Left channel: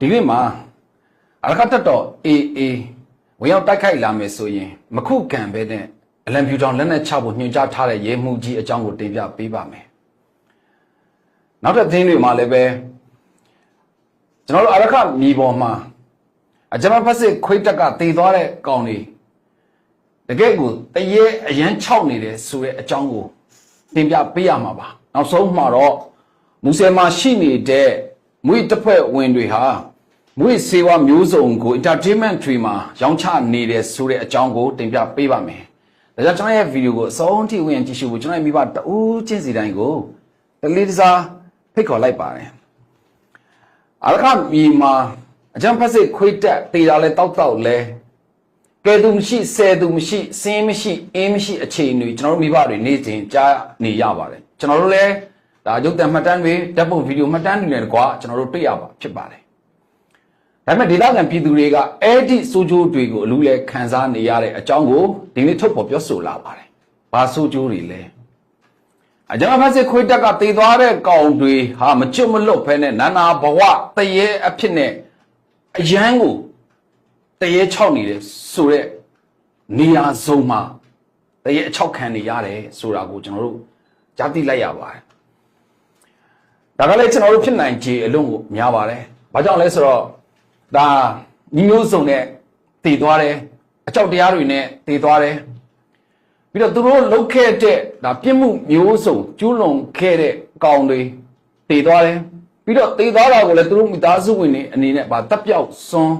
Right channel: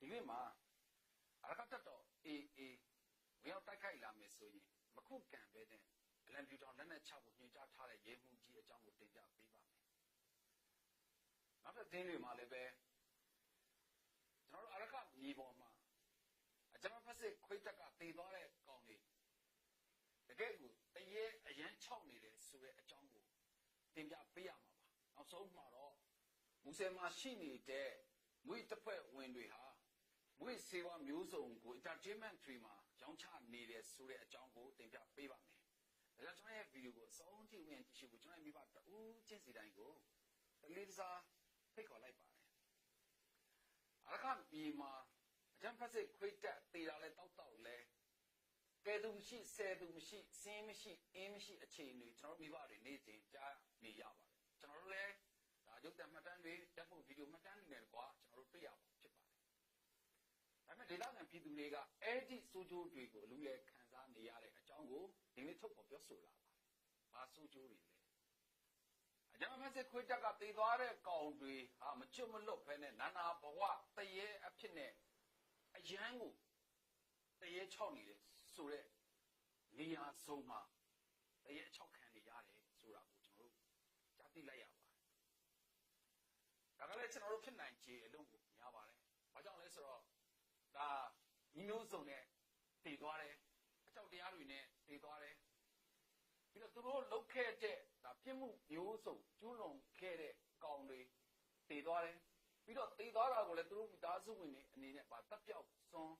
ဒီနေ့မှာအရခတ်တော်အေးဝင်ရောက်တိုက်ခိုက်လာမယ်ဆိုရင်မခုခံပဲနဲ့အလံဖြူတောင်လက်နက်ချဖို့ညွှန်ကြားထားတဲ့ရဲမှုကြီးအကြောင်းကိုတင်ပြပေးပါမယ်နောက်တစ်သတင်းတွေမှာလည်းပဲကျွန်တော်တို့အရခတ်မြေပေါ်မှာအကြမ်းဖက်စစ်ခွေးတက်ကတည်သွားတဲ့ကောင်တွေတကယ့်ကိုတရေအရန်ခြောက်နေတယ်ဆိုတဲ့အကြောင်းကိုတင်ပြပေးရမှာပါနောက်ဆုံးမှာတော့မူဆယ်မှာရှိနေတဲ့မွေတစ်ဖွဲ့ဝင်တွေဟာမွေစေဝါမျိုးစုံကို entertainment တွေမှာရောင်းချနေတယ်ဆိုတဲ့အကြောင်းကိုတင်ပြပေးပါမယ်ဒါကြောင့်ကျွန်တော်ရဲ့ဗီဒီယိုကိုအဆုံးထိဝင်ကြည့်ရှုဖို့ကျွန်တော်ရဲ့မိဘတဦးချင်းစီတိုင်းကိုတလေးတစားဖိတ်ခေါ်လိုက်ပါတယ်အရခမြေမှာအကြမ်းဖက်စစ်ခွေးတက်တေးတာလဲတောက်လဲကဲသူမရှိဆယ်သူမရှိစင်းမရှိအင်းမရှိအခြေအနေကျွန်တော်တို့မိဘတွေနေ့စဉ်ကြားနေရပါတယ်ကျွန်တော်တို့လည်းဒါရုပ်သံမှတ်တမ်းတွေဓာတ်ပုံဗီဒီယိုမှတ်တမ်းတွေနဲ့တကွာကျွန်တော်တို့တွေ့ရပါဖြစ်ပါတယ်ဒါပေမဲ့ဒေသခံပြည်သူတွေကအဲ့ဒီစိုးကျိုးတွေကိုအလူလဲခံစားနေရတဲ့အကြောင်းကိုဒီနေ့ထုတ်ဖော်ပြောဆိုလာပါတယ်ဘာစိုးကျိုးတွေလဲအကြမ်းဖက်စစ်ခွေးတက်ကတေးသွားတဲ့ကောင်တွေဟာမကျွတ်မလွတ်ဖဲနဲ့နာနာဘဝတရေအဖြစ်နဲ့အရန်ကိုတရေချောက်နေတယ်ဆိုတဲ့နေရာစုံမှာတရေအချောက်ခံနေရတယ်ဆိုတာကိုကျွန်တော်တို့ကြားသိလိုက်ရပါတယ်ဒါကလည်းကျွန်တော်တို့ဖြစ်နိုင်ခြေအလုံးကိုများပါတယ်ဘာကြောင့်လဲဆိုတော့ဒါညီမျိုးစုံနဲ့တည်သွားတယ်အကြောက်တရားတွေနဲ့တည်သွားတယ်ပြီးတော့သူတို့လှုပ်ခဲ့တဲ့ဒါပြစ်မှုမျိုးစုံကျူးလွန်ခဲ့တဲ့ကောင်တွေတည်သွားတယ်ပြီးတော့တည်သွားတာကိုလည်းသူတို့မိသားစုဝင်တွေအနေနဲ့ဗာတပ်ပြောက်စွန်း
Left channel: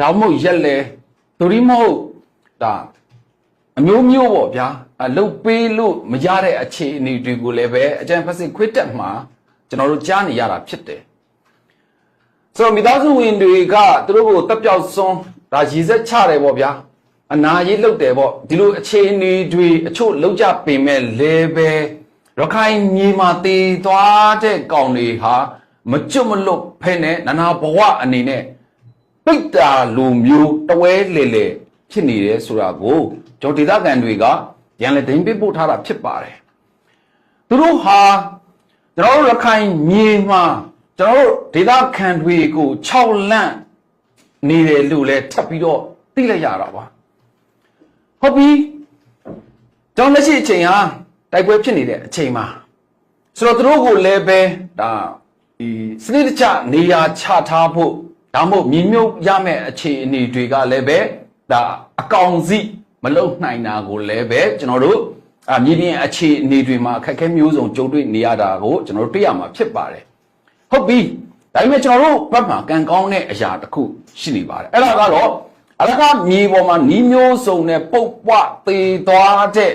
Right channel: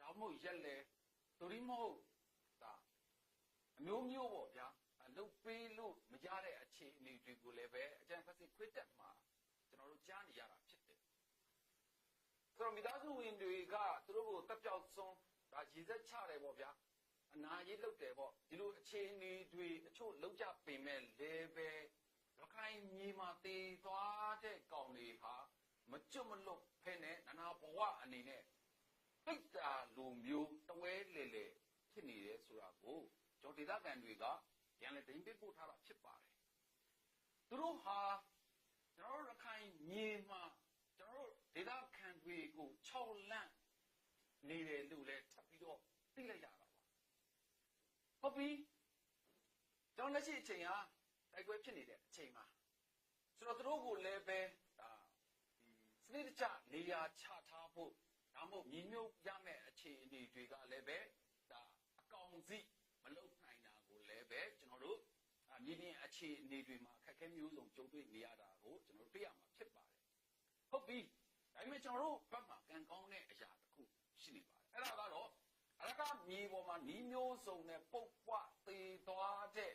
ဒါမှမဟုတ်ရက်လဲသူရီမဟုတ်ဒါအမျိုးမျိုးပေါ့ဗျာလှုပ်ပေးလို့မရတဲ့အခြေအနေတွေကိုလည်းပဲအကြံဖက်စစ်ခွေးတက်မှာကျွန်တော်တို့ကြားနေရတာဖြစ်တယ်ဆိုတော့မိသားစုဝင်တွေကသူတို့ကိုတပ်ပြောက်စွန်းဒါရည်စက်ချတယ်ပေါ့ဗျာအနာရေးလှုပ်တယ်ပေါ့ဒီလိုအခြေအနေတွေအချို့လောက်ကြပင်မဲ့လဲပဲရခိုင်မြေမှာတည်သွားတဲ့ကောင်တွေဟာမကျွတ်မလွတ်ဖဲနဲ့နာနာဘဝအနေနဲ့ပိတ်တာလူမျိုးတဝဲလေလေဖြစ်နေတယ်ဆိုတာကိုကျွန်တော်ဒေသခံတွေကရန်လည်းတင်ပြပို့ထားတာဖြစ်ပါတယ်သူတို့ဟာကျွန်တော်တို့ရခိုင်မြေမှာကျွန်တော်တို့ဒေသခံတွေကို6လန့်နေတယ်လို့လဲထပ်ပြီးတော့သိလိုက်ရတာပါဟုတ်ပြီကျွန်တော်လက်ရှိအချိန်ဟာတိုက်ပွဲဖြစ်နေတဲ့အချိန်မှာဆိုတော့သူတို့ကိုလည်းပဲဒါဒီစနစ်တကျနေရာချထားဖို့ဒါမှမဟုတ်မြေမြုပ်ရမယ့်အခြေအနေတွေကလည်းပဲဒါအကောင်စီမလုံနိုင်တာကိုလည်းပဲကျွန်တော်တို့မြေပြင်အခြေအနေတွေမှာအခက်အခဲမျိုးစုံကြုံတွေ့နေရတာကိုကျွန်တော်တို့တွေ့ရမှာဖြစ်ပါတယ်ဟုတ်ပြီဒါပေမဲ့ကျွန်တော်တို့ဘက်မှာကံကောင်းတဲ့အရာတစ်ခုရှိနေပါတယ်အဲ့ဒါကတော့အရခမြေပေါ်မှာနီးမျိုးစုံနဲ့ပုတ်ပွသေးသွားတဲ့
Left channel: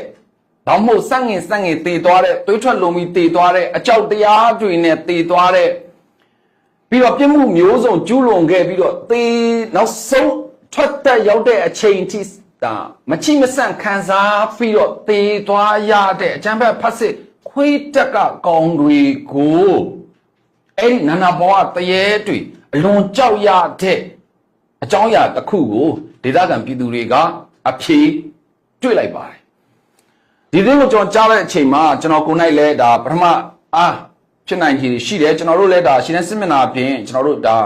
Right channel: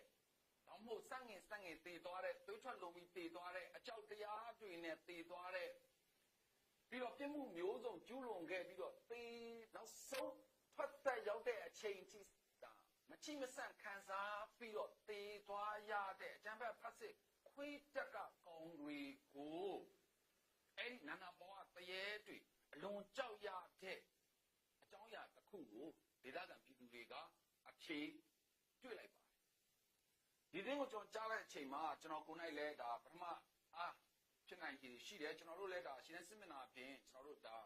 ဒါမှမဟုတ်စန့်ငင်သေးသွားတဲ့တွေးထွက်လုံးပြီးသေးသွားတဲ့အကြောက်တရားတွေနဲ့သေးသွားတဲ့ပြီးတော့ပြစ်မှုမျိုးစုံကျူးလွန်ခဲ့ပြီးတော့သေနောက်ဆုံးထွက်သက်ရောက်တဲ့အချိန်ထိဒါမချိမဆန့်ခံစားပြီးတော့သေသွားရတဲ့အကျမ်းဖက်ဖတ်စစ်ခွေးတက်ကကောင်တွေကိုအဲ့ဒီနာနာဘဝတရေတွေအလွန်ကြောက်ရတဲ့အကြောင်းအရာတစ်ခုကိုဒေသခံပြည်သူတွေကအဖြေတွေ့လိုက်ပါတယ်ဒီသတင်းကိုကျွန်တော်ကြားတဲ့အချိန်မှာကျွန်တော်ကိုယ်၌လည်းဒါပထမဖြစ်နိုင်ခြေရှိတယ်ကျွန်တော်တို့လည်းဒါရှင်းတဲ့စစ်မျက်နှာအပြင်ကျွန်တော်တို့ဒါ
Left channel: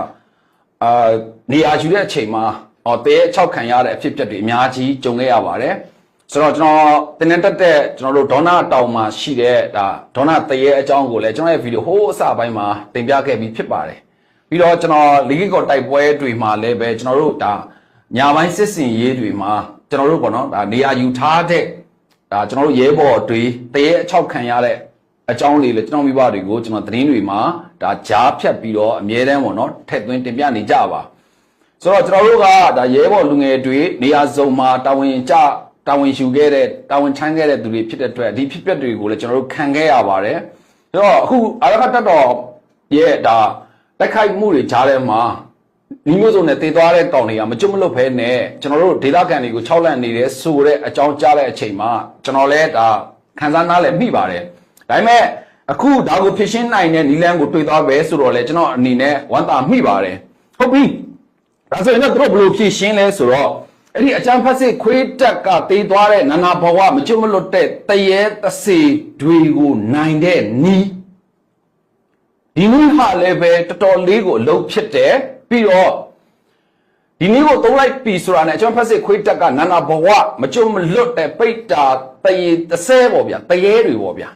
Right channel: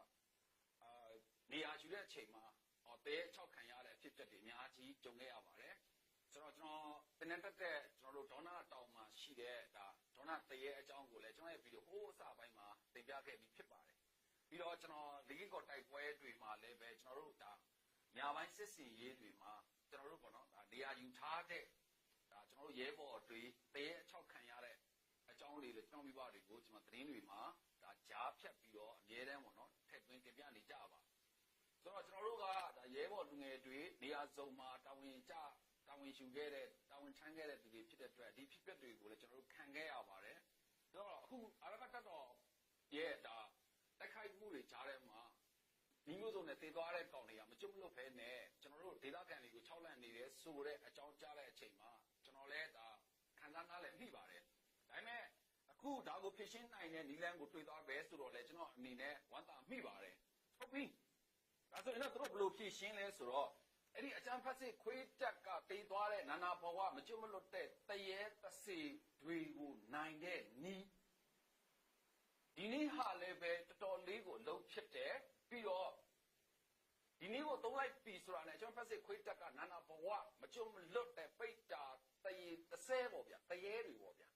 နေရာယူတဲ့အချိန်မှာတဲ6ခံရတဲ့အဖြစ်အပျက်တွေအများကြီးကြုံခဲ့ရပါတယ်ဆိုတော့ကျွန်တော်တင်နေတက်တဲ့ကျွန်တော်တို့ဒေါနာတောင်မှာရှိတဲ့ဒါဒေါနာတရေအကြောင်းကိုလည်းကျွန်တော်ရဲ့ဗီဒီယိုဟိုးအစပိုင်းမှာတင်ပြခဲ့ပြီးဖြစ်ပါတယ်ပြီးတော့ကျွန်တော်လီဂီကောတိုက်ပွဲတွေမှာလည်းပဲကျွန်တော်တို့ဒါညာပိုင်းစစ်စင်ရေးတွေမှာကျွန်တော်တို့ပေါ့နော်ဒါနေရာယူထားတဲ့ဒါကျွန်တော်တို့ရဲဘော်တွေတရေအချောက်ခံရတဲ့အကြောင်းလေးလည်းကျွန်တော်မိဘတွေကိုကျွန်တော်သတင်းတွေမှာဒါကြားဖြတ်ပြီးတော့အမြဲတမ်းပေါ့နော်ထည့်သွင်းတင်ပြနေကြပါဆိုတော့ကျွန်တော်တို့ကဒါရဲဘော်လူငယ်တွေနေရာစုံမှာတာဝန်ယူခဲ့တဲ့တာဝန်ထမ်းခဲ့တဲ့သူတွေဖြစ်တဲ့အတွက်ဒီဖြစ်ပျက်တွေကိုလည်းကျွန်တော်တို့ခံခဲ့ရပါတယ်ဆိုတော့အခုအရခတ်တော်ရဲ့ဒါတိုက်ခိုက်မှုတွေကြားထဲမှာဒီမျိုးစုံနဲ့တည်သွားတဲ့ကောင်တွေကမကျွတ်မလွတ်ဖဲနဲ့ကျွန်တော်တို့ဒေသခံတွေကို6လန့်နေတယ်ဆိုတဲ့အကြောင်းကြားတဲ့အချိန်မှာကျွန်တော်လည်းဒါခံစားနားလည်းမိပါတယ်ဒါပေမဲ့အခုဒါကိုဖြစ်ရှင်းနိုင်တဲ့နီလန်းကိုတွေ့သွားပဲဆိုတော့လေကျွန်တော်အနေနဲ့ဝမ်းသာမိပါတယ်ဟုတ်ပြီဒါဆိုရင်တော့သူတို့ဘယ်လိုဖြစ်ရှင်းလဲဆိုတော့အဲ့ဒီအကျန်းဖက်စစ်ခွေးတက်ကတေးသွားတဲ့နာနာဘဝမကျွတ်မလွတ်တဲ့တရေတစေတွေကိုနိုင်တဲ့နီးဒီနည်းဟာလည်းပဲတော်တော်လေးကိုအလုပ်ဖြစ်တယ် ပြီးတော့ဒီနည်းကိုသုံးလိုက်ပြီဆိုတာနဲ့အကျွန်တော်ဖက်စစ်ခွေးတက်ကနာနာဘဝမကြုံမလွတ်တဲ့ပိတ်တာတရေ30ပေါ့ဗျာတရေတွေပေါ့ဗျာ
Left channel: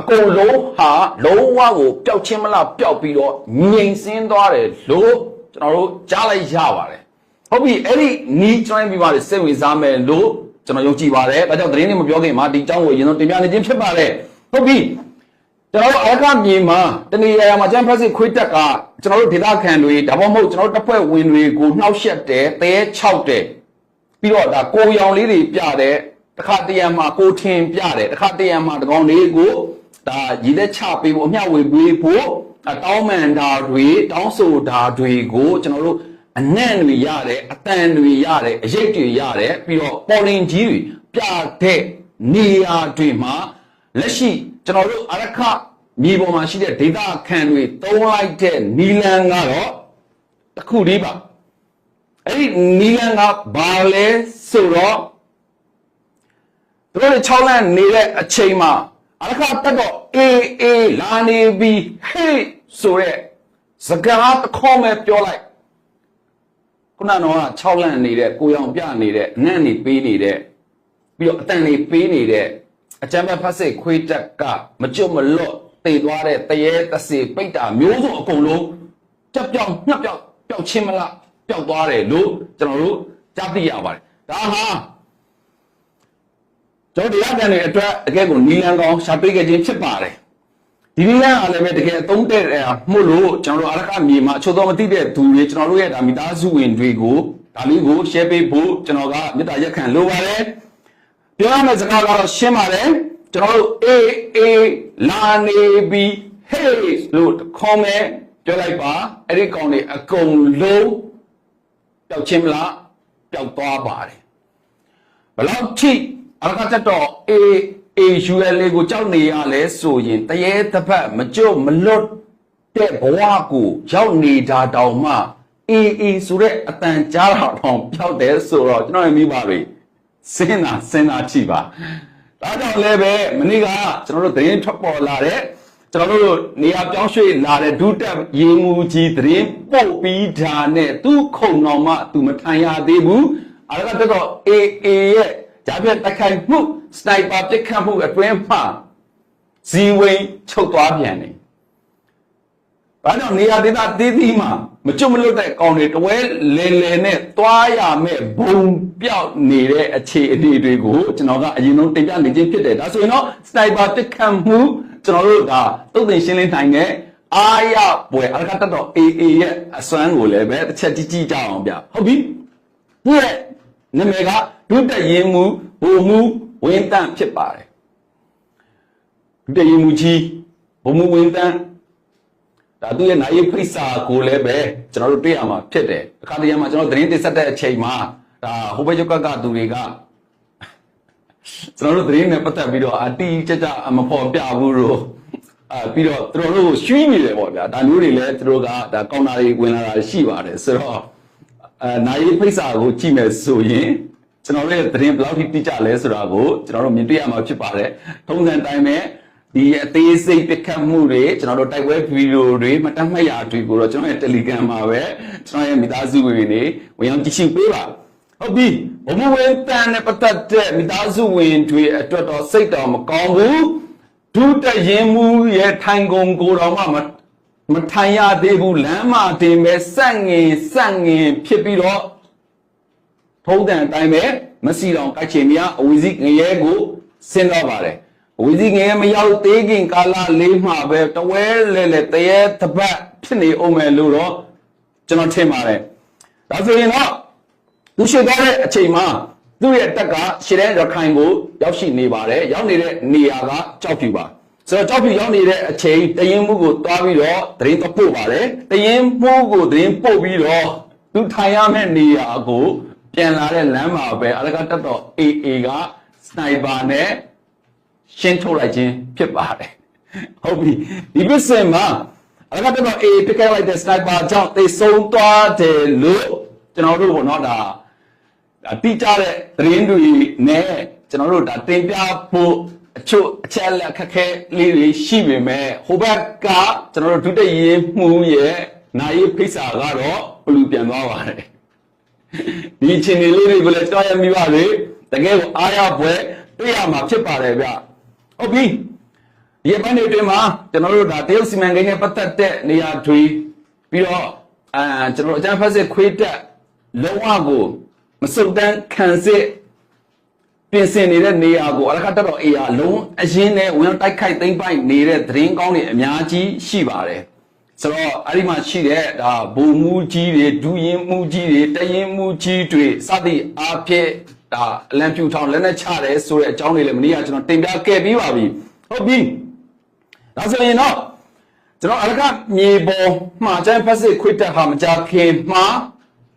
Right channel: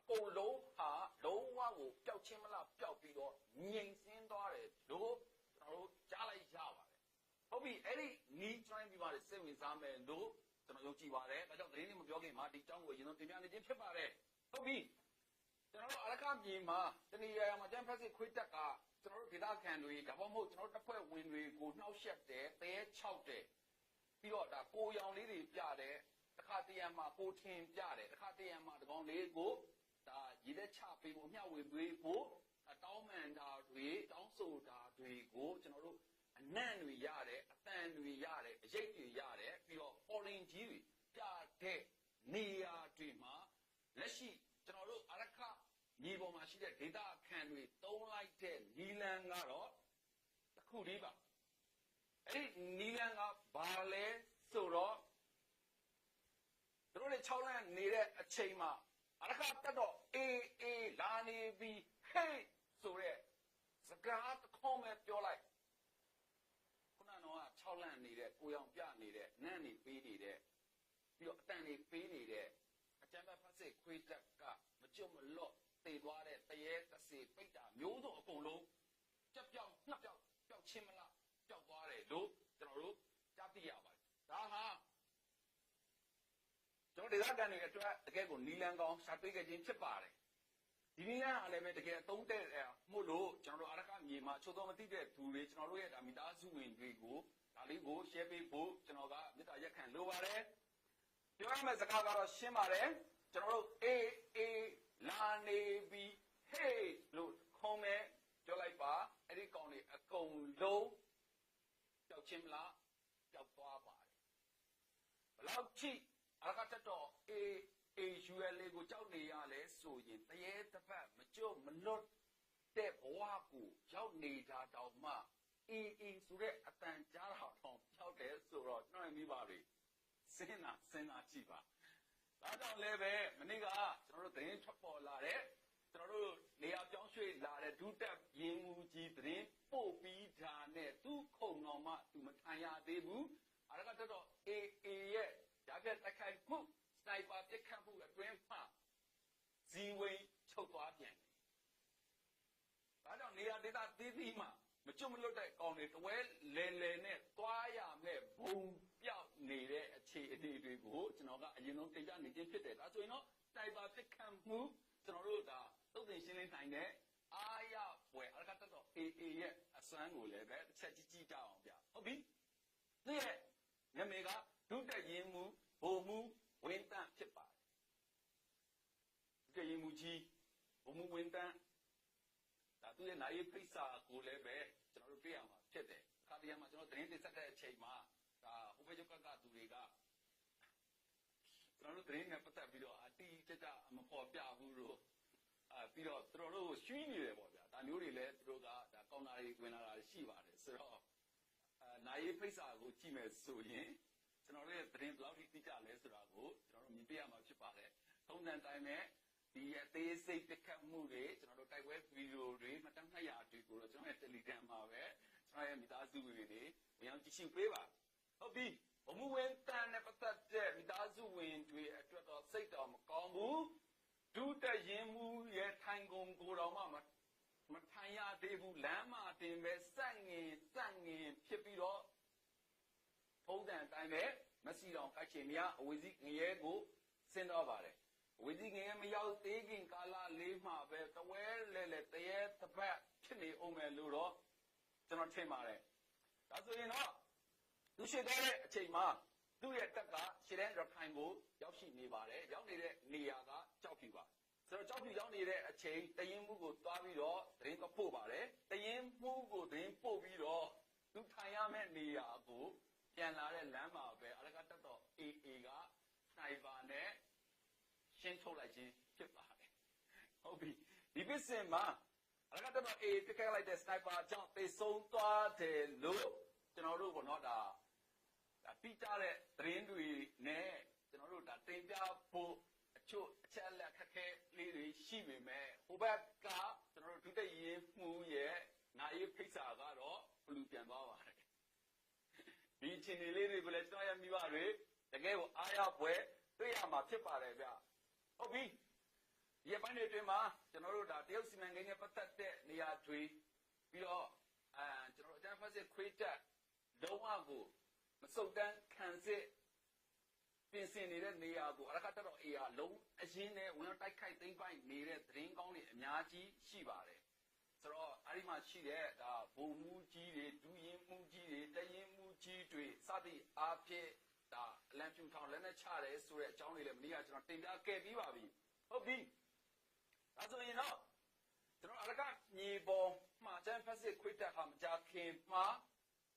အကုန်လုံးဟာလုံးဝကိုပျောက်ချင်းမလားပျောက်ပြီးတော့ငြိမ်စင်းသွားတယ်လို့ကျွန်တော်တို့ကြားလိုက်ရပါတယ်ဟုတ်ပြီအဲ့ဒီနီးကျွမ်းပြီးပါလေစိတ်ဝင်စားမယ်လို့ကျွန်တော်ယုံကြည်ပါတယ်ဒါကြောင့်သတင်းတွေမပြောခင်မှာဒီအကြောင်းကိုရင်ဆုံးတင်ပြနေခြင်းဖြစ်ပါတယ်ဟုတ်ပြီကျွန်တော်တို့အရကမြေမှာတနေရာမှာကျန်းဖက်စစ်ခွေးတက်ကကျွန်တော်တို့ဒေသခံတွေဒါမှမဟုတ်ကျွန်တော်တို့တပ်ဖွဲ့ဝင်တွေကိုနှောက်ယှက်တယ်တဲ6တယ်ပြီးတော့ဒါကိုရောင်လေးတွေပြတယ်တခါတရံမှာကိုထင်ပြတယ်တခါတရံမှာတကောင်လေးကိုဒါရည်လက်ချပေးဖို့အမျှဝေပေးဖို့တောင်းမန်တာတွေတောင်းဆိုတာတွေကိုကျွန်တော်တို့အနံ့တွေရတယ်အတန်တွေရတယ်အရိပ်တွေရတယ်ပြီးတော့ပေါ်လင်ကြီးတွေပြတဲ့နေရာတွေမှာလက်ရှိကျွန်တော်တို့အရခမြေပေါ်မှာရှိတဲ့ဒေတာခံတွေသုံးလိုက်တဲ့နီလန်ကတော့တခုတည်းပါအဲ့ဒီနီလန်ကဘာလဲဆိုတော့တို့6လနေတဲ့အချိန်မှာအရခတက်တော့အေးလာနေပြီးဟေးဆိုတဲ့စကားတစ်ခေါက်ပဲပြောလိုက်ခုနကတော့6လနေတဲ့ကိုရောင်ပြနေတဲ့အနံ့နေပေးနေတဲ့ပြီးတော့အတန်နေပေးနေတဲ့အကြမ်းဖက်စစ်ခွေးတက်ကမကြွမလွတ်တည်သွားတဲ့တရေတစေပိတ်တာမျိုးစုံအကုန်လုံးတက်ပြောင်းညှက်ပြောင်းပျောက်ချင်းမလားပျောက်သွားတယ်လို့ကျွန်တော်တို့ကြားသိရပါတယ်ဒါဟာကျွန်တော်တရားပြန်တဲ့အတွက်တကယ်ကိုနီလန်ကောင်ရှာပေးခဲ့ခြင်းဖြစ်ပါတယ်ဒီနီလန်အားလည်းပဲတကယ်အသုံးတဲ့မှုလို့ကျွန်တော်တို့အရကမြေမှာအချို့တော့မသိတဲ့သူတွေကျွန်တော်တို့ရဲ့ဒါမိသားစုဝင်တွေကိုဒါလေးကို share ပေးဖို့ကျွန်တော်ကမေတ္တာရက်ခံလိုပါတယ်ပြောရမယ့်စကားကတော့ရှင်းပါတယ်ကျွန်တော်တို့အေးလာနေပြီဟေးလို့ခေါ်မယ်ပြောလိုက်ပါအဲ့ဒီကောင်တွေအကုန်လုံးပျောက်ချင်းမလားပျောက်သွားပါတယ်ဘလောက်ထိအရကတက်တော့AUL ကိုကြောက်နေရလဲဆိုရင်တရေတစ်ဖက်မကြွမလွတ်တဲ့ဘဝကိုရောက်နေတာတောင်မှအေးဆိုတဲ့အတန်ကြားတော့ပျောက်တယ်ဆိုတော့ကျွန်တော်ရဲ့မိဘတွေစဉ်းစားကြည့်ပါဒါကြောင့်လည်းပဲမနေ့ကကျွန်တော်တို့သတင်းထွက်ပေါ်လာတဲ့ကျွန်တော်တို့နေရာပြောင်းရွှေ့လာတဲ့ဒုတက်ရေမူကြီးသတင်းပို့ပြီးတာနဲ့သူ့ခုံတော်မှသူမထိုင်ရသေးဘူးအရကတက်တော့AAရဲ့ဂျာပြတ်တိုက်ခိုက်မှုစနိုက်ပါပစ်ခတ်မှုအတွင်းမှာဇီဝိန်ချုပ်သွားပြန်တယ်။ဘာကြောင့်နေရာဒေသသေးသေးမှာမကြွမလွတ်တဲ့ကောင်တွေတဝဲလဲနဲ့သွားရမဲ့ဘုံပြောက်နေတဲ့အခြေအနေတွေကိုကျွန်တော်ကအရင်ဆုံးတင်ပြနေခြင်းဖြစ်တယ်။ဒါဆိုရင်တော့စနိုက်ပါပစ်ခတ်မှုကျွန်တော်တို့ကတုတ်တင်ရှင်းလင်းနိုင်တဲ့အားရပွဲအရကတက်တော့ AA ရဲ့အစွမ်းကိုလည်းပဲတစ်ချက်ကြည့်ကြအောင်ဗျ။ဟုတ်ပြီ။သူ့ရဲ့နာမည်ကဒုတက်ရင်မူဘုံမူဝင်းတန့်ဖြစ်ပါတယ်ဒုတက်ရင်မူကြီးဘုံမူဝင်းတန့်ဒါသူရဲ့နိုင်ဖိစာကိုလည်းပဲကျွန်တော်တို့တွေ့ရမှာဖြစ်တယ်အခါတရံမှာကျွန်တော်သတင်းတင်ဆက်တဲ့အချိန်မှာဒါဟိုဘက်ရုပ်ကသူတွေကကျွန်တော်တို့သတင်းနဲ့ပတ်သက်ပြီးတော့အတီးကြကြမဖော်ပြဘူးလို့ပြီးတော့သူတို့ကိုရွှီးနေတယ်ပေါ့ဗျာဒါမျိုးတွေလည်းသူတို့ကဒါကောင်တာတွေဝင်လာတာရှိပါတယ်ဆိုတော့နိုင်ဖိစာကိုကြည့်မယ်ဆိုရင်ကျွန်တော်တို့သတင်းဘယ်လောက်ထိတိကျလဲဆိုတာကိုကျွန်တော်တို့မြင်တွေ့ရမှာဖြစ်ပါတယ်ထုံးစံတိုင်းပဲဒီအသေးစိတ်ပစ်ခတ်မှုတွေကျွန်တော်တို့တိုက်ပွဲဗီဒီယိုတွေမှတ်တမ်းမှတ်ရာတွေကိုတော့ကျွန်တော်ရဲ့ Telegram မှာပဲကျွန်တော်ရဲ့မိသားစုဝင်တွေဝင်အောင်ကြည့်ရှုပေးပါဟုတ်ပြီဘုံမဝင်တန်နဲ့ပတ်သက်တဲ့မိသားစုဝင်တွေအတွက်တော့စိတ်တော်မကောင်းဘူးဒုတက်ရင်မူရဲ့ထိုင်ကုန်ကိုတော့မထိုင်ရသေးဘူးလမ်းမတင်ပဲစန့်ငင်ဖြစ်ပြီးတော့ထုံးတဲ့အတိုင်းပဲမစီတော်ကြိုက်ချင်မြအဝီစီငရဲကိုဆင်းတော့ပါတယ်အဝီစီငရဲမရောက်သေးခင်ကာလလေးမှာပဲတဝဲလဲတရေတပတ်ဖြစ်နေအောင်မယ်လို့တော့ကျွန်တော်ထင်ပါတယ်ဒါဆိုရင်တော့သူရှိသွားတဲ့အချိန်မှာသူ့ရဲ့တက်ကရှည်တဲ့ရခိုင်ကိုရောက်ရှိနေပါတယ်ရောက်နေတဲ့နေရာကကြောက်ဖြူပါဆိုတော့ကြောက်ဖြူရောက်နေတဲ့အချိန်တရင်မှုကိုတွားပြီးတော့သတင်းပို့ပါတယ်တရင်မှုကိုသတင်းပို့ပြီးတော့သူထိုင်ရမယ့်နေရာကိုပြန်လာတဲ့လမ်းမှာပဲအရကတက်တော့ AA ကစနိုက်ပါနဲ့ရှင်းထုတ်လိုက်ခြင်းဖြစ်ပါတယ်ဟုတ်ပြီဒီပစ္စည်းမှာအရကတက်တော့ AA ပြစ်ခဲ့လိုက်တဲ့စနိုက်ပါကြောင့်သိဆုံးသွားတယ်လို့ကျွန်တော်တို့ကတော့ဒါတိကျတဲ့သတင်းတွေနဲ့ကျွန်တော်တို့ဒါတင်ပြဖို့အချို့အချက်လက်ခက်ခဲလေးတွေရှိပေမဲ့ဟိုဘက်ကကျွန်တော်တို့ဒုတိယမှုရဲ့နိုင်ဖိစာကတော့ ဘလူပြန်သွားပါတယ်ဒီအချိန်လေးတွေကိုလည်းတွားရမိပါလေတကယ်ကိုအားရပွဲတွေ့ရမှာဖြစ်ပါတယ်ဗျဟုတ်ပြီဒီအပိုင်းတွေအတွင်းမှာကျွန်တော်တို့ဒါတရုတ်စီမံကိန်းနဲ့ပတ်သက်တဲ့နေရာတွေပြီးတော့ကျွန်တော်အကြမ်းဖက်စစ်ခွေးတက်လုံးဝကိုမစုံတန်းခံစစ်ပြင်ဆင်နေတဲ့နေရာကိုအလကားတက်တော့အေးအလုံးအရင်နဲ့ဝင်တိုက်ခိုက်သိမ်းပိုက်နေတဲ့သတင်းကောင်းတွေအများကြီးရှိပါတယ်ဆိုတော့အဲ့ဒီမှာရှိတဲ့ဒါဘုံမူကြီးတွေဒူရင်မူကြီးတွေတရင်မူကြီးတွေစသည်အားဖြင့်ဒါအလံဖြူထောင်လက်နဲ့ချတယ်ဆိုတဲ့အကြောင်းတွေလည်းမနေ့ကကျွန်တော်တင်ပြခဲ့ပြီးပါပြီဟုတ်ပြီဒါဆိုရင်တော့ကျွန်တော်အလကားမြေပေါ်မှာကျန်းဖက်စစ်ခွေးတက်ဟာမကြခင်မှာ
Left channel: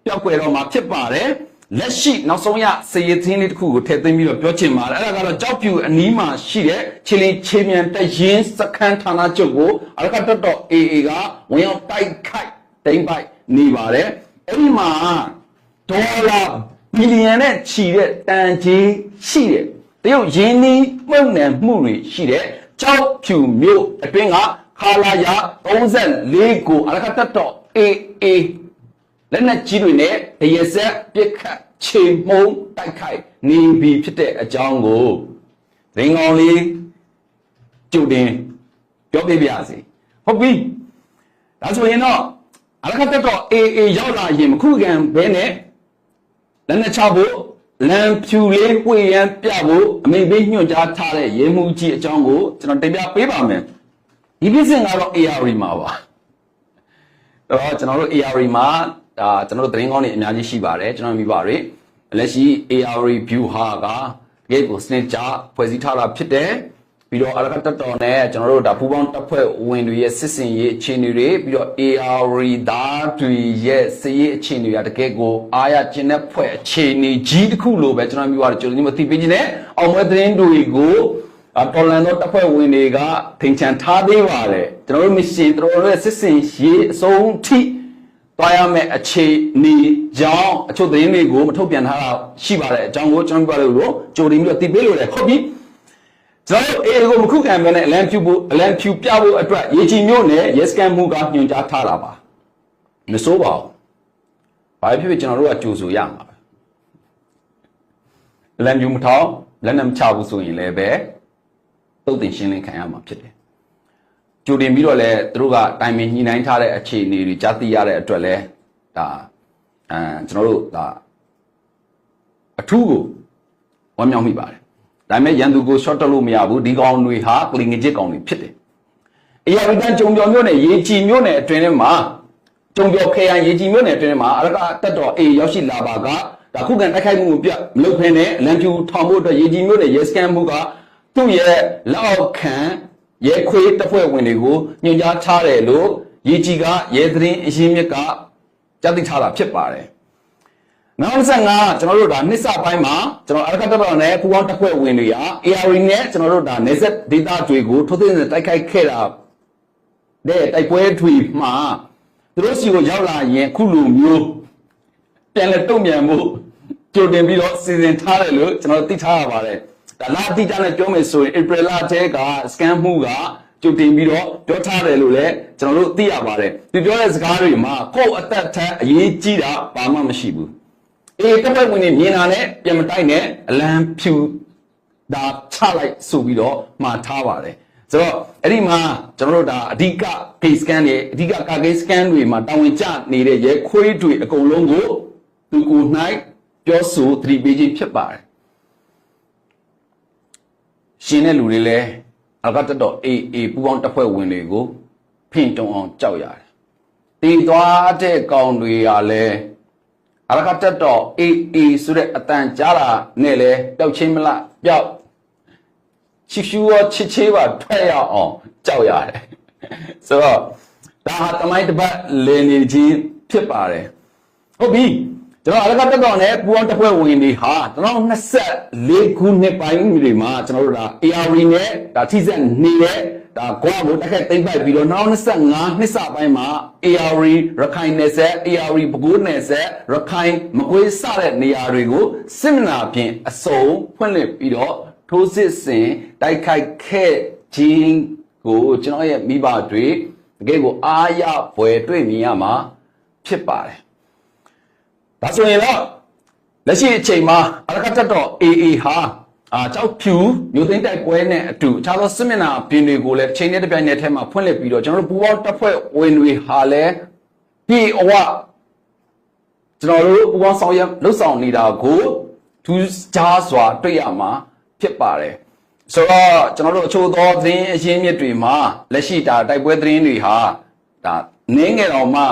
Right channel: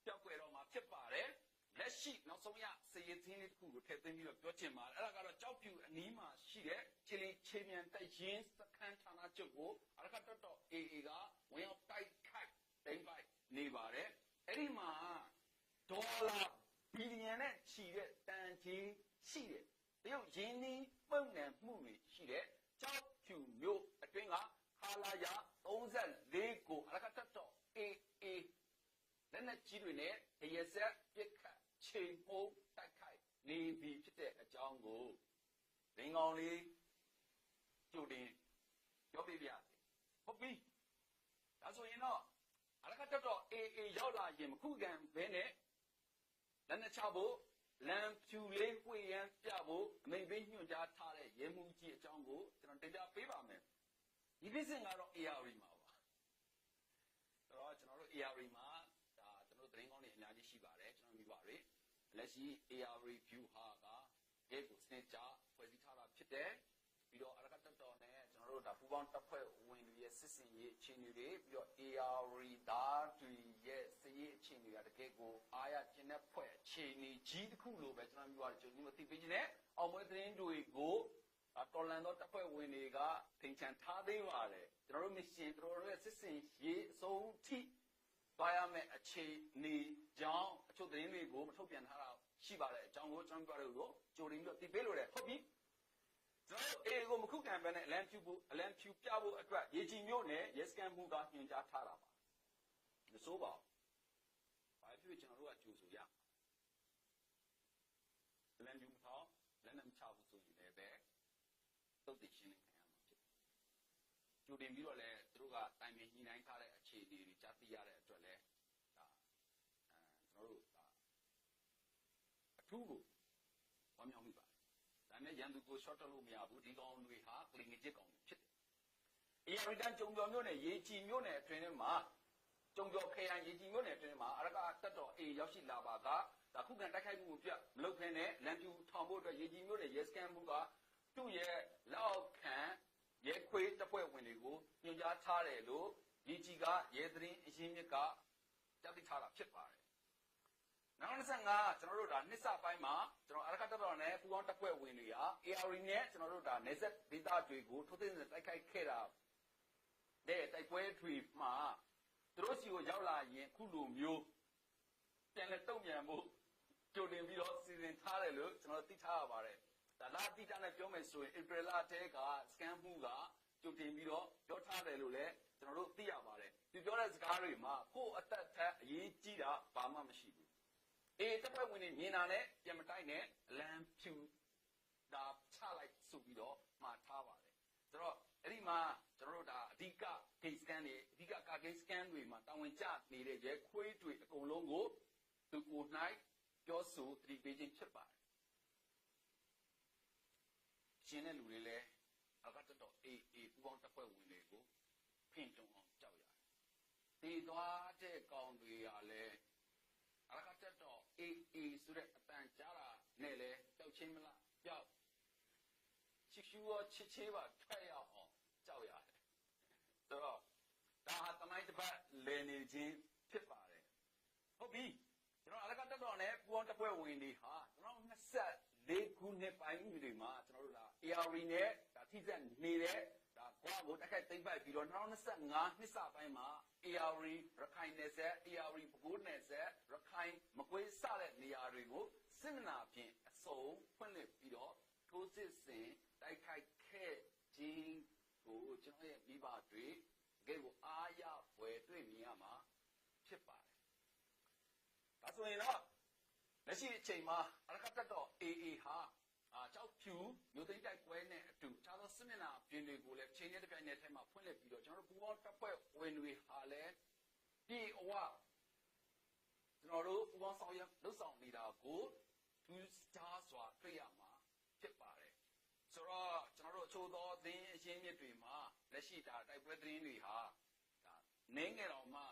ပျောက်ကွယ်တော့မှာဖြစ်ပါတယ်လက်ရှိနောက်ဆုံးရစေရသင်းလေးတစ်ခုကိုထည့်သွင်းပြီးတော့ပြောချင်ပါတယ်အဲ့ဒါကတော့ကြောက်ဖြူအနီးမှာရှိတဲ့ချီလီချေမြန်တရင်စခန်းဌာနချုပ်ကိုအလကတတော် AA ကဝင်ရောက်တိုက်ခိုက်တိမ့်ပိုက်နေပါတယ်အဲ့ဒီမှာဒေါ်လာဘီလီယံနဲ့ချီတဲ့တန်ကြီးရှိတဲ့တရုတ်ရင်းနှီးမှုန့်နယ်မှုတွေရှိတဲ့ကြောက်ဖြူမြို့အတွင်းကခါလာယာ34ကိုအလကတတော် AAလက်နက်ကြီးတွေနဲ့တရဆက်ပစ်ခတ်ချေမှုန်းတိုက်ခိုက်နေပြီဖြစ်တဲ့အကြောင်းကိုရင်းကောင်းလေးကြိုတင်ပြောပြပါစီဟုတ်ပြီဒါဆိုရင်တော့အလကတက်တော့ AA ရောက်လာရင်မခုခံဘဲနဲ့လက်နက်ချဖို့လမ်းဖြူလေးဝှေ့ရန်ပြဖို့အမိန့်ပေးညွှန်ကြားထားတဲ့ရဲမှုကြီးအကြောင်းကိုကျွန်တော်တင်ပြပေးပါမယ်ဒီပြစ်စင်ကတော့ AR မှာပါတော့ကျွန်တော်တို့ AR မှာဒါကျွန်တော်တို့သတင်းကောင်းတွေအများကြီးရှိပါတယ်ကျွန်တော်မိပါရယ်လက်ရှိ AR view ဟာကတကယ်ကိုစနစ်ကျဖွဲ့စည်းထားတာဖြစ်တယ်ပြီးတော့အလကတက်တော်နဲ့ကျွန်တော်တို့ဒါပူပေါင်းတပ်ဖွဲ့ဝင်တွေရဲ့စစ်စင်ရေးအခြေအနေတွေပြီးတော့ AR သားတွေရဲ့စစ်ရေးအခြေအနေတွေတကယ်ကိုအားရကျင်တဲ့ဖွဲ့အခြေအနေကြီးတစ်ခုလိုပဲကျွန်တော်မိပါရယ်ကျွန်တော်ဒီမှာသိပေးခြင်းနဲ့အောင်ပွဲသတင်းတွေကိုတော်လန်တော့တပ်ဖွဲ့ဝင်တွေကထင်ချန်ထားသေးပါတယ်ကျွန်တော်တို့မရှင်ကျွန်တော်တို့ရဲ့စစ်စင်ရေးအဆုံးထိတွားရမယ့်အခြေအနေကြောင့်အချို့သတင်းတွေကိုမထုတ်ပြန်ထားတာရှိပါတယ်အကြောင်းကိုကျွန်တော်ပြောလို့ကြိုတင်ပြီးတော့တည်ပေးလို့ရတယ်ဟုတ်ပြီကျွန်တော်အေကိုမခုခံမဲနဲ့အလံဖြူပြဖို့အတွက်ရေချီမျိုးနဲ့ရဲစကန်မှုကညွှန်ကြားထားတာပါမစိုးပါဘူးဘာဖြစ်ဖြစ်ကျွန်တော်တို့ကကြိုဆိုရမှာပဲအလံဖြူမထောင်လက်နဲ့မချဘူးဆိုရင်လည်းပဲတုတ်တင်ရှင်းလင်းခံရမှာဖြစ်တယ်ကြိုတင်ပြီးတော့လဲသူတို့ကတိုင်ပင်ညှိနှိုင်းထားတဲ့အခြေအနေတွေကြားသိရတဲ့အတွက်လဲဒါကျွန်တော်တို့ဒါအထူးကိုဝမ်းမြောက်မိပါတယ်ဒါပေမဲ့ရန်သူကို short တက်လို့မရဘူးဒီကောင်တွေဟာကလင်ငစ်ကောင်တွေဖြစ်တယ်အရာဝတ္တကြုံပြော်မျိုးနဲ့ရေကြည်မျိုးနဲ့အတွင်းထဲမှာကြုံပြော်ခရိုင်ရေကြည်မျိုးနဲ့အတွင်းထဲမှာအရကတက်တော်အေးရောက်ရှိလာပါကဒါခုခံတိုက်ခိုက်မှုကိုပြမလုပ်ဖ ೇನೆ အလံဖြူထောင်ဖို့အတွက်ရေကြည်မျိုးနဲ့ရေစကန်မှုကသူ့ရဲ့လောက်ခံရဲခွေးတပ်ဖွဲ့ဝင်တွေကိုညွှန်ကြားထားတယ်လို့ရေကြီးကရဲသတင်းအရင်းမြစ်ကကြားသိထားတာဖြစ်ပါတယ်။နောက်25ကျွန်တော်တို့ဒါနှစ်စပိုင်းမှာကျွန်တော်အရကတပ်တော်နဲ့ပူပေါင်းတပ်ဖွဲ့ဝင်တွေက AR နဲ့ကျွန်တော်တို့ဒါနေဆက်ဒေတာတွေကိုထိုးသိမ်းတိုက်ခိုက်ခဲ့တာတဲ့တိုက်ပွဲတွေမှာသူတို့စီကိုရောက်လာရင်ခုလိုမျိုးပြန်လဲတုံ့ပြန်မှုကြိုတင်ပြီးတော့စီစဉ်ထားတယ်လို့ကျွန်တော်သိထားရပါတယ်။ဒါလာတိကျနဲ့ပြောမယ်ဆိုရင် April လထဲက scan မှုကကြိုတင်ပြီးတော့ပြောထားတယ်လို့လည်းကျွန်တော်တို့သိရပါတယ်။ဒီပြောတဲ့စကားတွေမှာကိုယ့်အသက်ထက်အရေးကြီးတာဘာမှမရှိဘူး။အေးတပ်ဖွဲ့ဝင်တွေမြင်တာနဲ့ပြန်မတိုက်နဲ့အလံဖြူဒါချလိုက်ဆိုပြီးတော့မှာထားပါတယ်။ဆိုတော့အဲ့ဒီမှာကျွန်တော်တို့ဒါအဓိက case scan တွေအဓိက case scan တွေမှာတာဝန်ကျနေတဲ့ရဲခွေးတွေအကုန်လုံးကိုသူကို၌ပြောဆိုသတိပေးခြင်းဖြစ်ပါတယ်။ရှင်တဲ့လူတွေလည်းအလကတတော် AA ပူပေါင်းတပ်ဖွဲ့ဝင်တွေကိုဖင်တုံအောင်ကြောက်ရတယ်။တည်သွားတဲ့ကောင်တွေကလည်းအလကတတော် AA ဆိုတဲ့အတန်ကြားတာနဲ့လည်းပျောက်ချင်းမလားပျောက်ချစ်ရှူရောချစ်ချေးပါထွက်ရအောင်ကြောက်ရတယ်။ဆိုတော့ဒါဟာတမိုင်းတစ်ပတ်လည်နေခြင်းဖြစ်ပါတယ်။ဟုတ်ပြီကျွန်တော်အလကတက်တော်နဲ့ပူအောင်တပ်ဖွဲ့ဝင်တွေဟာ2024ခုနှစ်ပိုင်းတွေမှာကျွန်တော်တို့ဒါ AR နဲ့ဒါထိစက်နေတဲ့ဒါကွာကိုတက်ခက်သိမ့်ပိုက်ပြီးတော့2025နှစ်စပိုင်းမှာ AR ရခိုင်နယ်ဆက် AR ပဲခူးနယ်ဆက်ရခိုင်မကွေးစတဲ့နေရာတွေကိုစစ်မျက်နှာဖြင့်အစုံဖွင့်လှစ်ပြီးတော့ထိုးစစ်ဆင်တိုက်ခိုက်ခဲ့ခြင်းကိုကျွန်တော်ရဲ့မိဘတွေတကယ်ကိုအားရဖွယ်တွေ့မြင်ရမှာဖြစ်ပါတယ် ဒါဆိုရင်တော့လက်ရှိအချိန်မှာအရကတက်တော့ AA ဟာကြောက်ဖြူမြို့သိမ်းတိုက်ပွဲနဲ့အတူအခြားသောစစ်မျက်နှာပြင်တွေကိုလည်းချိန်နဲ့တစ်ပြိုင်နက်တည်းမှာဖွင့်လှစ်ပြီးတော့ကျွန်တော်တို့ပူးပေါင်းတပ်ဖွဲ့ဝင်တွေဟာလည်းပြည်အဝကျွန်တော်တို့ပူးပေါင်းဆောင်ရွက်လှုပ်ဆောင်နေတာကိုထူးခြားစွာတွေ့ရမှာဖြစ်ပါတယ်ဆိုတော့ကျွန်တော်တို့အချို့သောသတင်းအရင်းမြစ်တွေမှာလက်ရှိတိုက်ပွဲသတင်းတွေဟာနင်းငယ်တော်မှ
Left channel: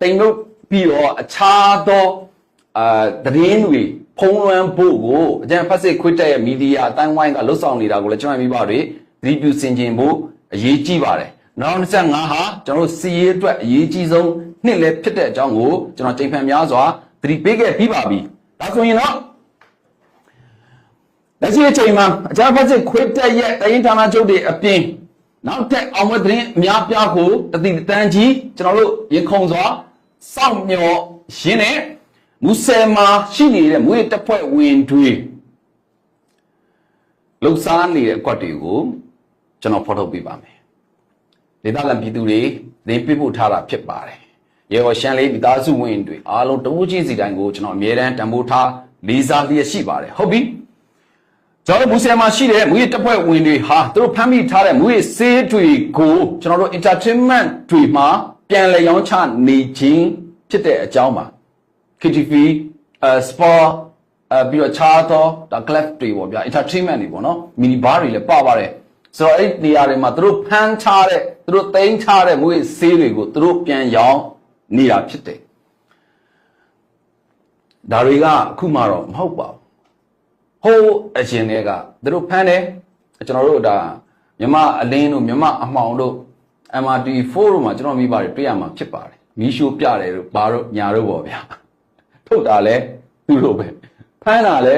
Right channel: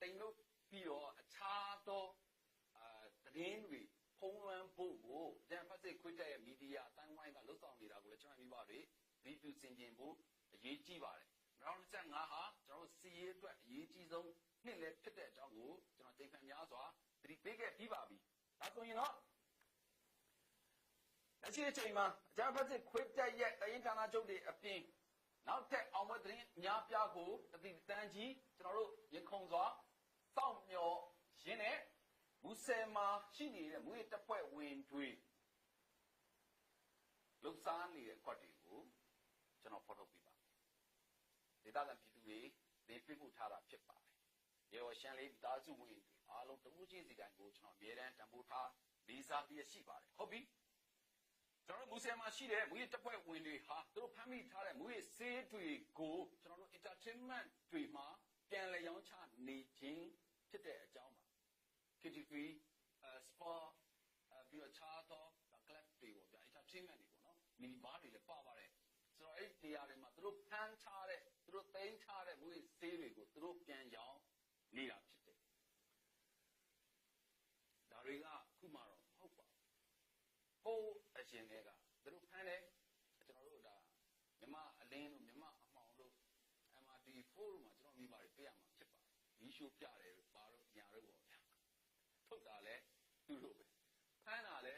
တိမ်လို့ပြီးတော့အခြားသောသတင်းတွေဖုံးလွှမ်းဖို့ကိုအကြံဖတ်စစ်ခွတ်တဲ့မီဒီယာအတိုင်းဝိုင်းကလှုပ်ဆောင်နေတာကိုလည်းကျွန်တော်မိဘတွေသတိပြုဆင်ခြင်ဖို့အရေးကြီးပါတယ်နောက်25ဟာကျွန်တော်တို့စီရေးအတွက်အရေးကြီးဆုံးနှစ်လည်းဖြစ်တဲ့အကြောင်းကိုကျွန်တော်ချိန်ဖန်များစွာသတိပေးခဲ့ပြီးပါပြီဒါဆိုရင်တော့လက်ရှိအချိန်မှာအကြံဖတ်စစ်ခွတ်တဲ့ရဲ့တိုင်းဌာနချုပ်တွေအပြင်နောက်ထပ်အောင်မသတင်းအများပြားကိုတတိတန်းကြီးကျွန်တော်တို့ရင်ခုန်စွာစောင့်မျှော်ရင်းနဲ့မူဆယ်မှာရှိနေတဲ့မွေးတပ်ဖွဲ့ဝင်တွေလှုပ်ရှားနေတဲ့အကွက်တွေကိုကျွန်တော်ဖော်ထုတ်ပေးပါမယ်ဒေသခံပြည်သူတွေသင်ပြဖို့ထားတာဖြစ်ပါတယ်ရေော်ရှမ်းလေးမိသားစုဝင်တွေအားလုံးတဝူးချင်းစီတိုင်းကိုကျွန်တော်အမြဲတမ်းတံမိုးထားလေးစားလျက်ရှိပါတယ်ဟုတ်ပြီကျွန်တော်မူဆယ်မှာရှိတဲ့မွေးတပ်ဖွဲ့ဝင်တွေဟာသူတို့ဖမ်းမိထားတဲ့မွေးဆေးတွေကိုကျွန်တော်တို့ entertainment တွေမှာပြန်လည်ရောင်းချနေခြင်းဖြစ်တဲ့အကြောင်းပါKTV sport ပြီးတော့ခြားသောclub တွေပေါ့ဗျာ entertainment တွေပေါ့နော် mini bar တွေလည်းပါပါတယ်ဆိုတော့အဲ့ဒီနေရာတွေမှာသူတို့ဖမ်းထားတဲ့သူတို့သိမ်းထားတဲ့မွေးဆေးတွေကိုသူတို့ပြန်ရောင်းနေတာဖြစ်တယ်ဒါတွေကအခုမှတော့မဟုတ်ပါဘူးဟိုးအရင်တွေကသူတို့ဖမ်းတယ်ကျွန်တော်တို့မြမအလင်းတို့မြမအမှောင်တို့ MRT4 တို့မှာကျွန်တော်မိပါတယ်တွေ့ရမှာဖြစ်ပါတယ်မီးရှိုးပြတယ်တို့ဘာတို့ညာတို့ပေါ့ဗျာထုတ်တာလဲသူတို့ပဲဖမ်းတာလဲ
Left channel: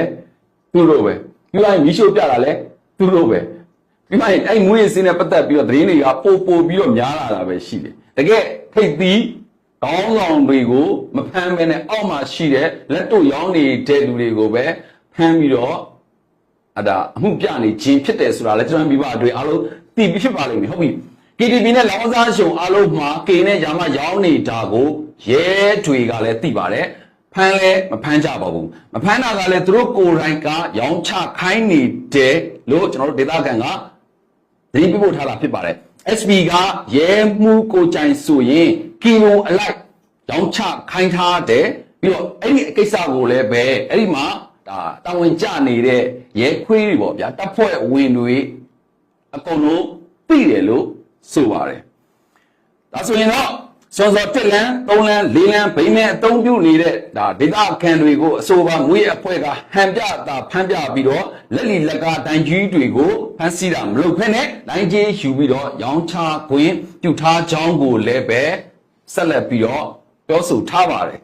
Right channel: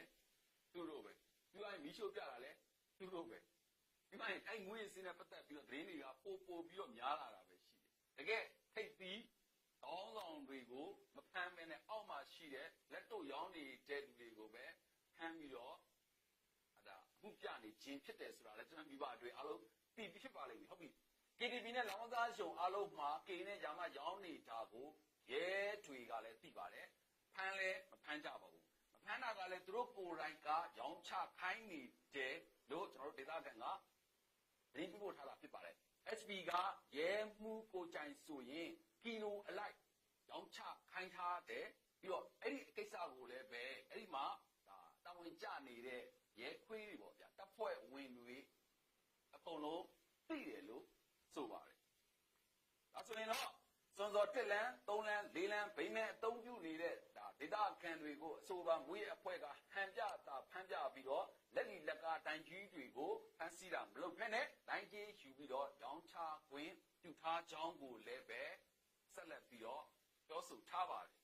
သူတို့ပဲပြီးလိုက်မီးရှို့ပြတာလဲသူတို့ပဲပြီးမှအဲ့မွေးစင်းနဲ့ပတ်သက်ပြီးတော့သတင်းတွေကပို့ပြီးတော့များလာတာပဲရှိတယ်တကယ်ထိတ်သီးကောင်းဆောင်တွေကိုမဖမ်းဘဲနဲ့အောက်မှာရှိတဲ့လက်တို့ရောင်းနေတဲ့လူတွေကိုပဲဖမ်းပြီးတော့အမှုပြနေခြင်းဖြစ်တယ်ဆိုတာလဲကျွန်တော်မိဘတွေအားလုံးသိပြီးဖြစ်ပါလိမ့်မယ်ဟုတ်ပြီKTV နဲ့လောင်းစားရှုံအားလုံးမှာကေနဲ့ယာမရောင်းနေတာကိုရဲတွေကလည်းသိပါတယ်ဖမ်းလဲမဖမ်းကြပါဘူးမဖမ်းတာကလည်းသူတို့ကိုယ်တိုင်ကရောင်းချခိုင်းနေတယ်လို့ကျွန်တော်တို့ဒေသခံကသတိပေးဖို့ထားတာဖြစ်ပါတယ် SB ကရဲမှုကိုကြိုင်ဆိုရင်ကီလိုအလိုက်ရောင်းချခိုင်းထားတယ်ပြီးတော့အဲ့ဒီကိစ္စကိုလည်းပဲအဲ့ဒီမှာတာဝန်ကျနေတဲ့ရဲခွေးတွေပေါ့ဗျာတပ်ဖွဲ့ဝင်တွေအကုန်လုံးသိတယ်လို့ဆိုပါတယ်ဒါဆိုရင်တော့စောစော1လမ်း3လမ်း4လမ်းဗိမဲအသုံးပြုနေတဲ့ဒေသခံတွေကိုအဆိုပါမွေးအဖွဲ့ကဟန်ပြဖမ်းပြပြီးတော့လက်လီလက်ကတိုင်ကြီးတွေကိုဖမ်းဆီးတာမလုပ်ဖက်နဲ့လိုင်းကြီးယူပြီးတော့ရောင်းချခွင့်ပြုထားကြောင်းကိုလည်းပဲဆက်လက်ပြီးတော့ပြောဆိုထားပါတယ်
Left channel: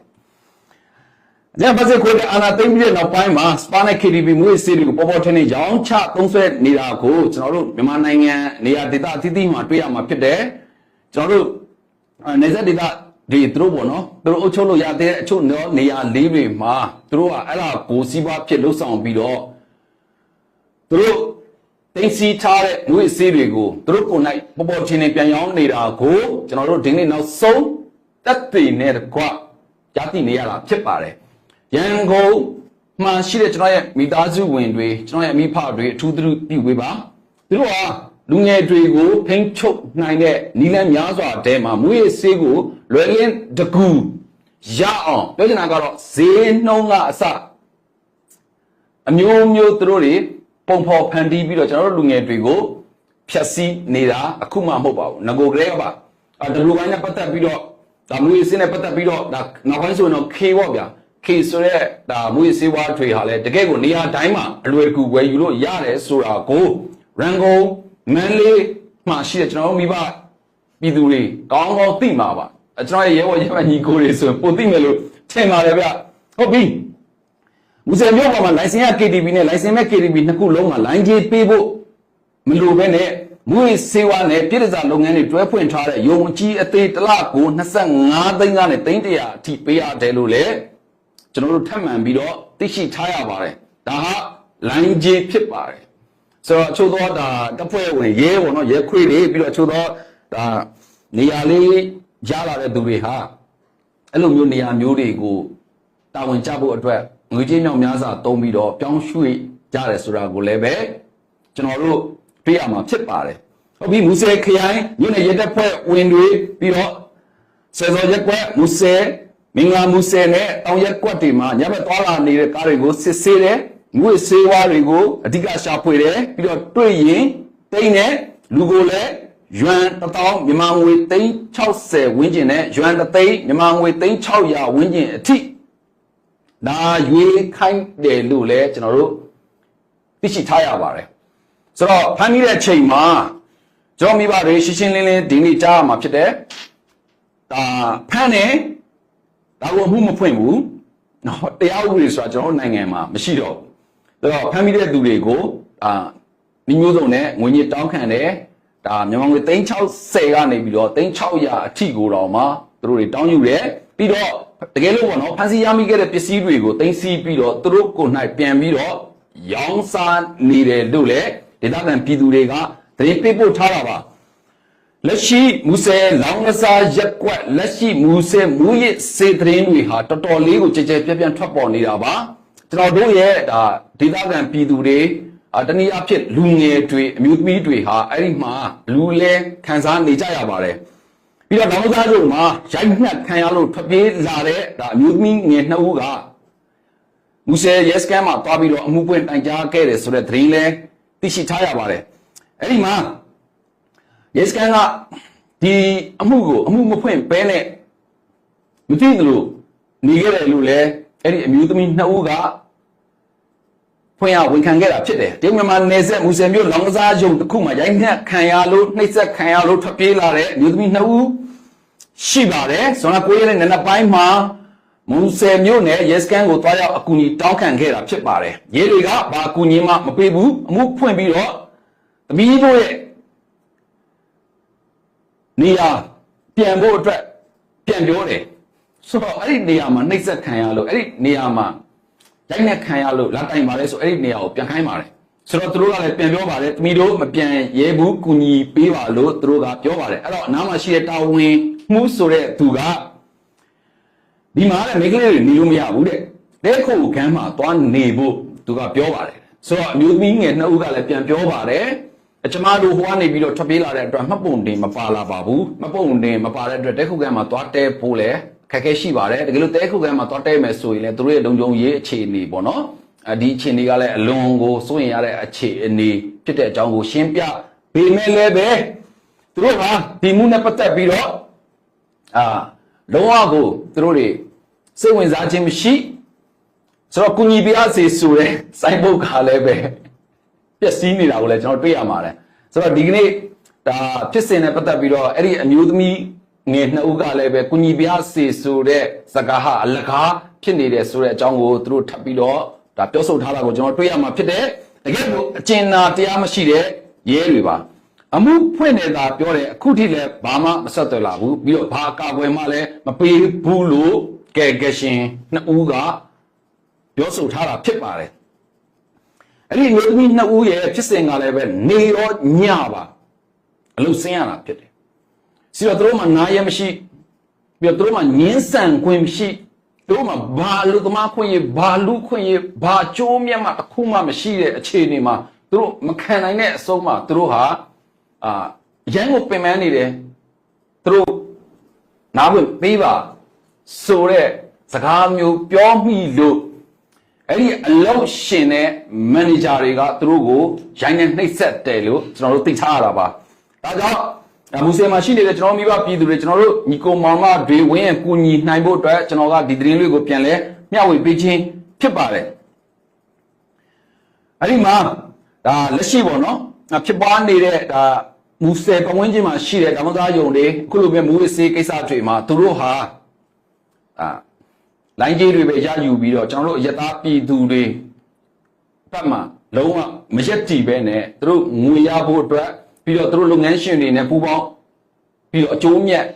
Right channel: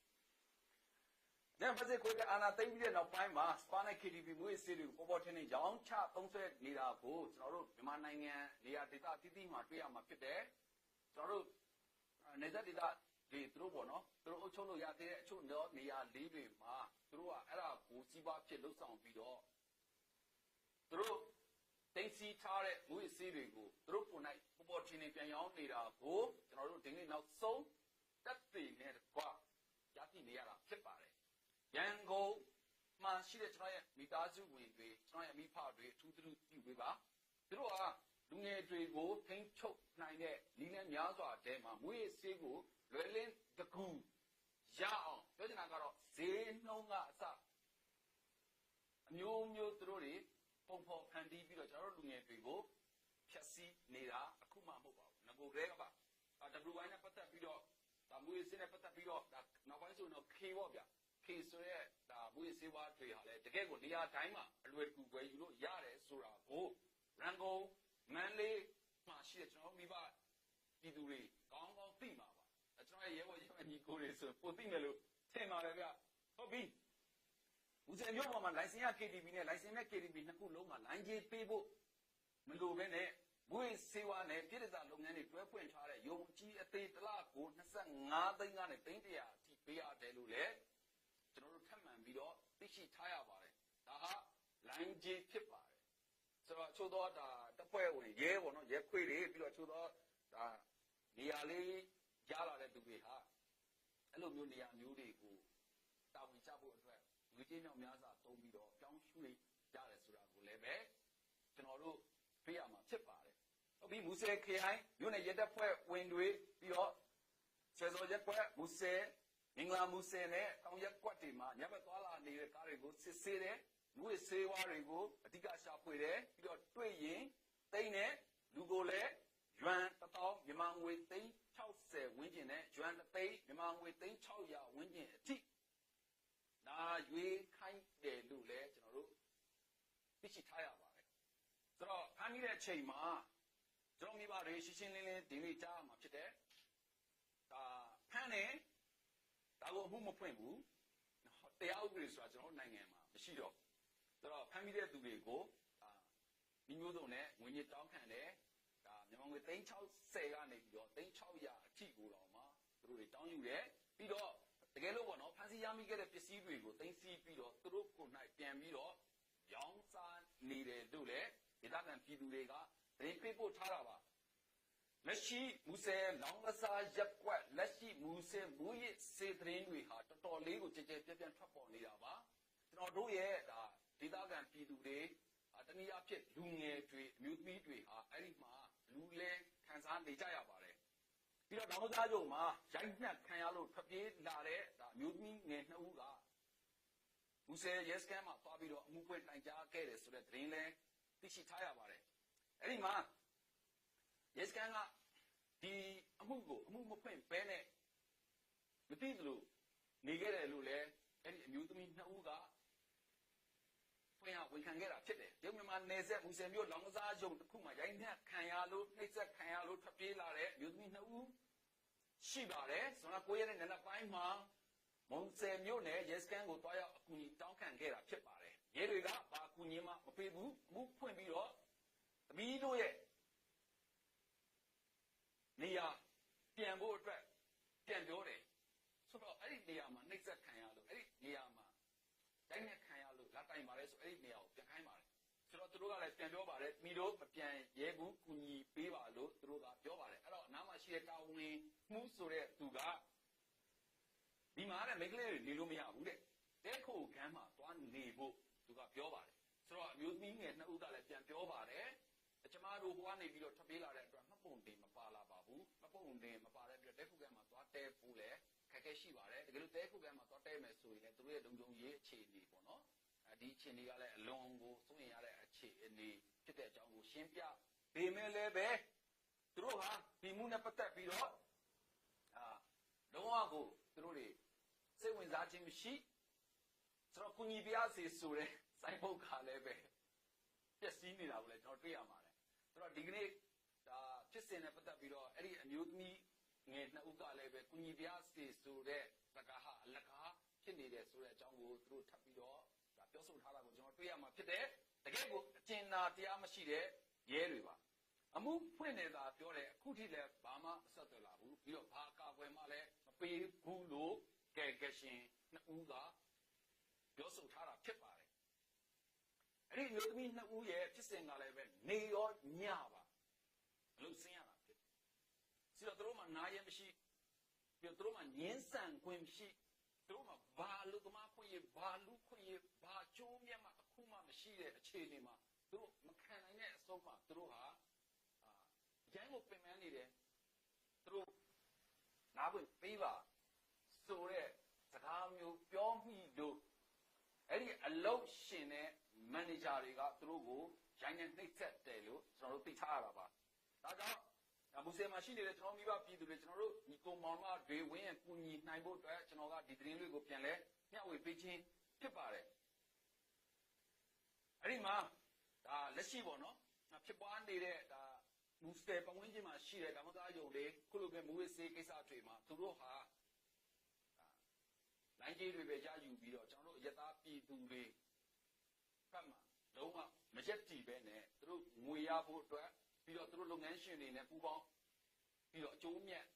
ညဘစစ်ခွေးအာနာသိမ့်ပြီးတဲ့နောက်ပိုင်းမှာစပါနဲ့ KTV မွေးစီတွေကိုပေါ်ပေါ်ထင်းထင်းရောင်းချသုံးဆွဲနေတာကိုကျွန်တော်တို့မြန်မာနိုင်ငံနေရာဒေသအသီးသီးမှာတွေ့ရမှာဖြစ်တယ်ကျွန်တော်တို့နေဆက်ဒေသတွေသူတို့ပေါ့နော်သူတို့အုပ်ချုပ်လို့ရတဲ့အချို့နေရာလေးတွေမှာသူတို့ကအဲ့ဒါကိုစီးပွားဖြစ်လှုပ်ဆောင်ပြီးတော့သူတို့တင်စီထားတဲ့မွေးစီတွေကိုသူတို့ကိုယ်၌ပေါ်ပေါ်ထင်းထင်းပြန်ရောင်းနေတာကိုကျွန်တော်တို့ဒီနေ့နောက်ဆုံးတက်တည်နဲ့ကွာကြားသိနေရတာဖြစ်ပါတယ်ရန်ကုန်မှာရှိတဲ့ကျွန်တော်ရဲ့မိသားစုဝင်တွေကျွန်တော်ရဲ့အမိဖတွေအထူးသတိဝေးပါသူတို့ဟာလူငယ်တွေကိုဖိန်းချုပ်နိုင်တဲ့နီလန်းများစွာတဲမှာမွေးဆေးကိုလွယ်လင်းတကူရအောင်ပြောချင်တာကတော့ဈေးနှုန်းကအစအမျိုးမျိုးသူတို့တွေပုံဖော်ဖန်တီးပြီးတော့ကျွန်တော်တို့လူငယ်တွေကိုဖြတ်စည်းနေတာအခုမှမဟုတ်ပါဘူးငကိုကလေးကပါဒီလိုပိုင်းနဲ့ပတ်သက်ပြီးတော့မွေးဆေးနဲ့ပတ်သက်ပြီးတော့နောက်ပိုင်းဆိုရင်တော့ K ပေါ့ဗျာခေဆိုတဲ့မွေးစေးဝါးထွေဟာလည်းတကယ်ကိုနေရာတိုင်းမှာအလွယ်တကူဝယ်ယူလို့ရတယ်ဆိုတာကိုရန်ကုန်မန္တလေးမှာရှိတဲ့ကျွန်တော်တို့မိဘပြည်သူတွေကောင်းကောင်းသိမှာပါကျွန်တော်ရဲ့ရဲဘော်ရဲမညီကိုတွေဆိုရင်ပိုသိမယ်လို့ထင်ပါတယ်ဗျဟုတ်ပြီမူဆယ်မြို့ပေါ်မှာလိုင်စင်ရ KTV နဲ့လိုင်စင်မဲ့ KTV နှစ်ခုလုံးမှာလိုင်းကြီးပေးဖို့မလိုဘဲနဲ့မွေးစေးဝါးနဲ့ပြည်ထလုပ်ငန်းတွေတွဲဖွင့်ထားတဲ့ယုံအကြီးအသေးတစ်လကို25သိန်းကနေ300အထိပေးရတယ်လို့လေကျွန်တော်တို့ထပ်မံပြီးတော့သိရှိထားရပါတယ်ဒါဟာလိုင်းကြီးဖြစ်ပါတယ်ဆိုတော့အချို့သောတပ်ဖွဲ့ဝင်ရဲပေါ့နော်ရဲခွေတွေပြီးတော့အချို့သောနေရာလေးရလာတဲ့သူတွေဟာအဲ့လိုမျိုးနေရာမျိုးတွေကို တာဝန်ကျဖို့အတွက်ငွေကြေးမြောက်များစွာသုံးပြီးတော့ပြောင်းရွှေ့ကြတယ်ဆိုတာကိုလည်းပဲကျွန်တော်တို့တွေ့ရမှာဖြစ်ပါတယ်ဟုတ်ပြီမူဆယ်ခရိုင်မြို့နယ်ရဲတပ်ဖွဲ့ဝင်တွေပြီးတော့စေစောရက်ကွက်မူဆယ်မင်္ဂလာမူဆယ်နဲ့တောင်ရက်ကွက်တွေမှာညဘက်သွားလာနေတဲ့ကားတွေကိုစစ်ဆေးတယ်ငွေဆေးဝါးတွေကိုအဓိကရှာဖွေတယ်ပြီးတော့တွေ့ရင်တိန်းနဲ့လူကိုလည်းယွမ်1000မြန်မာငွေ360ဝန်းကျင်နဲ့ယွမ်3သိန်းမြန်မာငွေ3600ဝန်းကျင်အထိဒါရွေးခိုင်းတယ်လို့လည်းကျွန်တော်တို့သိရှိထားရပါတယ်ဆိုတော့ဖမ်းမိတဲ့အချိန်မှာကျွန်တော်မိဘတွေရှင်းရှင်းလင်းလင်းဒီနေ့ကြားရမှာဖြစ်တယ်ဒါဖမ်းတယ်ဒါကိုမှုမဖွင့်ဘူးနော်တရားဥပဒေဆိုတာကျွန်တော်နိုင်ငံမှာမရှိတော့ဘူးဆိုတော့ဖမ်းမိတဲ့သူတွေကိုမိမျိုးစုံနဲ့ငွေညစ်တောင်းခံတယ်ဒါမြန်မာငွေ360ကနေပြီးတော့3600အထိကိုတော့မှသူတို့တွေတောင်းယူတယ်ပြီးတော့တကယ်လို့ပေါ့နော်ဖန်စီရမိခဲ့တဲ့ပစ္စည်းတွေကိုသိမ်းဆည်းပြီးတော့သူတို့ကိုယ်၌ပြန်ပြီးတော့ရောင်းစားနေတယ်လို့လည်းဒေသခံပြည်သူတွေကသတင်းပေးပို့ထားတာပါလက်ရှိမူဆယ်လောင်းကစားရက်ကွက်လက်ရှိမူဆယ်မူရစ်စေသတင်းတွေဟာတော်တော်လေးကိုကြဲကြဲပြန့်ပြန့်ထွက်ပေါ်နေတာပါကျွန်တော်တို့ရဲ့ဒါဒေသခံပြည်သူတွေတနည်းအားဖြင့်လူငယ်တွေအမျိုးသမီးတွေဟာအဲ့ဒီမှာလူလဲခံစားနေကြရပါတယ်ပြီးတော့နောက်သားတို့မှာရိုက်နှက်ခံရလို့ထွက်ပြေးလာတဲ့ဒါအမျိုးသမီးငယ်2ဦးကမူဆယ်ရဲစခန်းမှာတွားပြီးတော့အမှုပွင့်တိုင်ကြားခဲ့တယ်ဆိုတဲ့သတင်းလဲသိရှိထားရပါတယ်အဲ့ဒီမှာရဲစခန်းကဒီအမှုကိုအမှုမဖွင့်ဘဲနဲ့မသိသလိုနေခဲ့တယ်လို့လဲအဲ့ဒီအမျိုးသမီး2ဦးကဖွင့်ရဝန်ခံခဲ့တာဖြစ်တယ်တရုတ်မြန်မာနယ်စပ်မူဆယ်မြို့လောင်ကစားရုံတစ်ခုမှာရိုက်နှက်ခံရလို့နှိပ်စက်ခံရလို့ထွက်ပြေးလာတဲ့အမျိုးသမီး2ဦးရှိပါတယ်ဇွန်လ9ရက်နေ့နံနက်ပိုင်းမှာမူဆယ်မြို့နယ်ရဲစခန်းကိုတွားရောက်အကူအညီတောင်းခံခဲ့တာဖြစ်ပါတယ်ရဲတွေကဘာအကူအညီမှမပေးဘူးအမှုဖွင့်ပြီးတော့သမီးတို့ရဲ့နေရာပြန်ဖို့အတွက်ပြန်ပြောတယ်ဆိုတော့အဲ့ဒီနေရာမှာနှိပ်စက်ခံရလို့အဲ့ဒီနေရာမှာရိုက်နှက်ခံရလို့လာတိုင်ပါလေဆိုအဲ့ဒီနေရာကိုပြန်ခိုင်းပါတယ်ဆိုတော့သူတို့ကလည်းပြန်ပြောပါတယ်သမီးတို့မပြန်ရဲဘူးကူညီပေးပါလို့သူတို့ကပြောပါတယ်အဲ့တော့အနားမှာရှိတဲ့တာဝန်မှုဆိုတဲ့သူကဒီမှာလည်းမိန်းကလေးတွေနေလို့မရဘူးတဲ့တဲခုခန်းမှာသွားနေဖို့သူကပြောပါတယ်ဆိုတော့အမျိုးသမီးငယ်2ဦးကလည်းပြန်ပြောပါတယ်ကျမတို့ဟိုကနေပြီးတော့ထွက်ပြေးလာတဲ့အတွက်မှတ်ပုံတင်မပါလာပါဘူးမှတ်ပုံတင်မပါတဲ့အတွက်တဲခုခန်းမှာသွားတဲဖို့လည်းခက်ခဲရှိပါတယ်တကယ်လို့တဲခုခန်းမှာသွားတဲမယ်ဆိုရင်လည်းသူတို့ရဲ့လုံခြုံရေးအခြေအနေပေါ့နော်ဒီအခြေအနေကလည်းအလွန်ကိုစိုးရင်ရတဲ့အခြေအနေဖြစ်တဲ့အကြောင်းကိုရှင်းပြပေးမယ်လည်းပဲသူတို့ကဒီမှုနဲ့ပတ်သက်ပြီးတော့လုံးဝကိုသူတို့တွေစိတ်ဝင်စားခြင်းမရှိဆိုတော့ကုညီပြရစီဆိုတဲ့စိုင်းဘုတ်ကလည်းပဲပျက်စီးနေတာကိုလည်းကျွန်တော်တွေ့ရမှာတယ်ဆိုတော့ဒီကနေ့ဒါဖြစ်စဉ်နဲ့ပတ်သက်ပြီးတော့အဲ့ဒီအမျိုးသမီးငယ်2ဦးကလည်းပဲကုညီပြစီဆိုတဲ့စကားဟာအလကားဖြစ်နေတယ်ဆိုတဲ့အကြောင်းကိုသူတို့ထပ်ပြီးတော့ဒါပြောဆိုထားတာကိုကျွန်တော်တွေ့ရမှာဖြစ်တယ်တကယ်လို့အကျဉ်းနာတရားမရှိတဲ့ရဲတွေပါအမှုဖွင့်နေတာပြောတယ်အခုထိလည်းဘာမှမဆက်သွယ်လာဘူးပြီးတော့ဘာကာကွယ်မှလည်းမပေးဘူးလို့ကဲရှင်2ဦးကပြောဆိုထားတာဖြစ်ပါတယ်အဲ့ဒီမျိုးသမီး2ဦးရဲ့ဖြစ်စဉ်ကလည်းပဲနေရောညပါအလုပ်ဆင်းရတာဖြစ်တယ်စီတော့သူတို့မှနားရမရှိပြီးတော့သူတို့မှငင်းဆန်ခွင့်မရှိသူတို့မှဘာလူသမားခွင့်ရဘာလူခွင့်ရဘာကြိုးမြတ်မှတစ်ခုမှမရှိတဲ့အခြေအနေမှာသူတို့မခံနိုင်တဲ့အဆုံးမှာသူတို့ဟာရန်ကိုပင်ပန်းနေတယ်သူတို့နားဝင်ပေးပါဆိုတဲ့စကားမျိုးပြောမိလို့အဲ့ဒီအလုပ်ရှင်တဲ့မန်နေဂျာတွေကသူတို့ကိုရိုင်းနဲ့နှိပ်စက်တယ်လို့ကျွန်တော်တို့သိထားရတာပါဒါကြောင့်မူဆယ်မှာရှိနေတဲ့ကျွန်တော်မိဘပြည်သူတွေကျွန်တော်တို့ညီကိုမောင်မတွေဝင်းရကူညီနိုင်ဖို့အတွက်ကျွန်တော်ကဒီသတင်းလေးကိုပြန်လဲမျှဝေပေးခြင်းဖြစ်ပါတယ်အဲ့ဒီမှာဒါလက်ရှိပေါ့နော်ဖြစ်ပွားနေတဲ့ဒါမူဆယ်ပတ်ဝန်းကျင်မှာရှိတဲ့ဓမ္မသားယုံတွေအခုလိုမျိုးမူဝစ်ဆေးကိစ္စတွေမှာသူတို့ဟာလိုင်းကြီးတွေပဲရယူပြီးတော့ကျွန်တော်တို့အယက်သားပြည်သူတွေဘက်မှာလုံးဝမရက်တည်ပဲနဲ့သူတို့ငွေရဖို့အတွက်ပြီးတော့သူတို့လုပ်ငန်းရှင်တွေနဲ့ပူးပေါင်းပြီးတော့အကျိုးမြတ်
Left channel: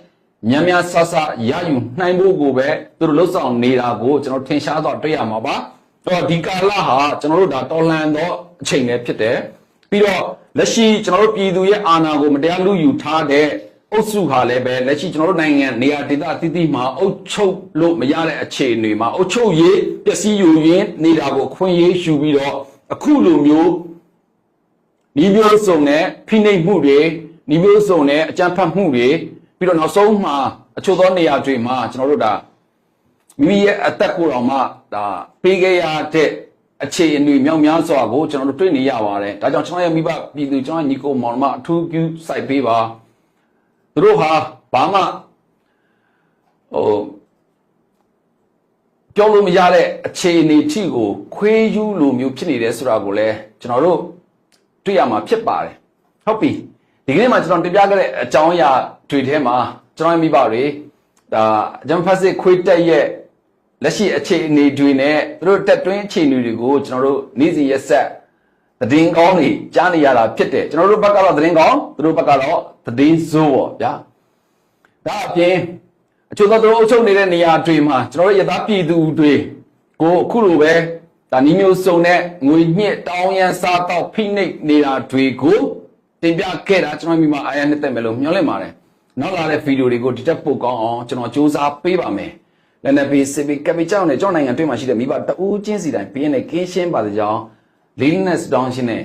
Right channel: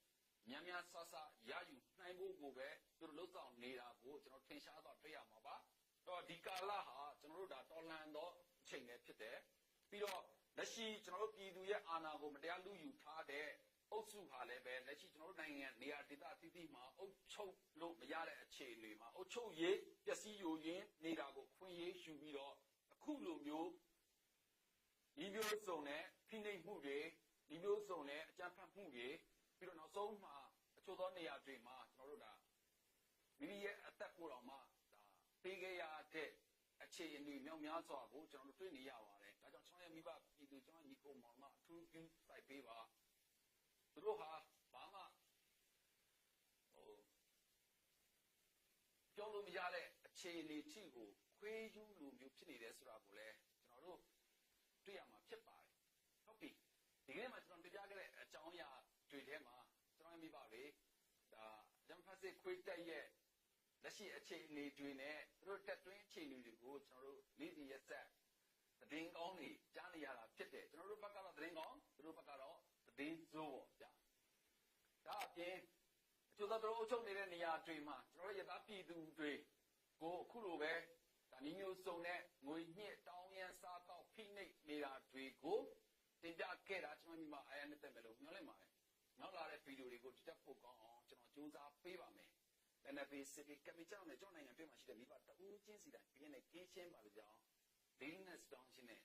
များများဆဆရယူနိုင်ဖို့ကိုပဲသူတို့လှုပ်ဆောင်နေတာကိုကျွန်တော်ထင်ရှားတော့တွေ့ရမှာပါအဲ့တော့ဒီကာလဟာကျွန်တော်တို့ဒါတော်လန်တော့အချိန်လည်းဖြစ်တယ်ပြီးတော့လက်ရှိကျွန်တော်တို့ပြည်သူရဲ့အာဏာကိုမတရားလူယူထားတဲ့အ အုပ်စုဟာလည်းပဲလက်ရှိကျွန်တော်တို့နိုင်ငံနေရာဒေသအသီးသီးမှာအုပ်ချုပ်လို့မရတဲ့အခြေအနေမှာအုပ်ချုပ်ရေးပျက်စီးယူရင်းနေတာကိုခွင့်ရေးယူပြီးတော့အခုလိုမျိုးဒီမျိုးစုံနဲ့ဖိနှိပ်မှုတွေဒီမျိုးစုံနဲ့အကြမ်းဖက်မှုတွေပြီးတော့နောက်ဆုံးမှာအချို့သောနေရာတွေမှာကျွန်တော်တို့ဒါမိမိရဲ့အသက်ကိုယ်တော်မှဒါပေးခဲ့ရတဲ့အခြေအနေမြောက်များစွာကိုကျွန်တော်တို့တွေ့နေရပါတယ်ဒါကြောင့်ကျွန်တော်ရဲ့မိဘပြည်သူကျွန်တော်ညီကိုမောင်မအထူးပြုစိုက်ပေးပါသူတို့ဟာဘာမှပြောလို့မရတဲ့အခြေအနေထိကိုခွေးယူလိုမျိုးဖြစ်နေတယ်ဆိုတာကိုလည်းကျွန်တော်တို့တွေ့ရမှာဖြစ်ပါတယ်ဟုတ်ပြီဒီကနေ့မှာကျွန်တော်တင်ပြခဲ့တဲ့အကြောင်းအရာတွေထဲမှာကျွန်တော်ရဲ့မိဘတွေဒါဂျမ်ဖတ်စစ်ခွေးတက်ရဲ့လက်ရှိအခြေအနေတွေနဲ့သူတို့တက်တွင်းအခြေအနေတွေကိုကျွန်တော်တို့နေ့စဉ်ရက်ဆက်သတင်းကောင်းတွေကြားနေရတာဖြစ်တယ်ကျွန်တော်တို့ဘက်ကတော့သတင်းကောင်းသူတို့ဘက်ကတော့သတင်းဆိုးပေါ့ဗျာဒါအပြင်အချို့သောသူတို့အုပ်ချုပ်နေတဲ့နေရာတွေမှာကျွန်တော်တို့ရသားပြည်သူတွေကိုအခုလိုပဲဒါနီးမျိုးစုံနဲ့ငွေညှစ်တောင်းရန်စားတော့ဖိနှိပ်နေတာတွေကိုတင်ပြခဲ့တာကျွန်တော်မိမအားရနှစ်သက်မယ်လို့မျှော်လင့်ပါတယ်နောက်လာတဲ့ဗီဒီယိုတွေကိုဒီတက်ပို့ကောင်းအောင်ကျွန်တော်စူးစမ်းပေးပါမယ်လည်းနဲ့ဘေးစစ်ပြီးကပီကြောင့်နဲ့ကျွန်တော်နိုင်ငံတွင်းမှာရှိတဲ့မိဘတအူးချင်းစီတိုင်းပြင်းနဲ့ကင်းရှင်းပါစေကြောင်းလေးနက်စတောင်းရှင်းနဲ့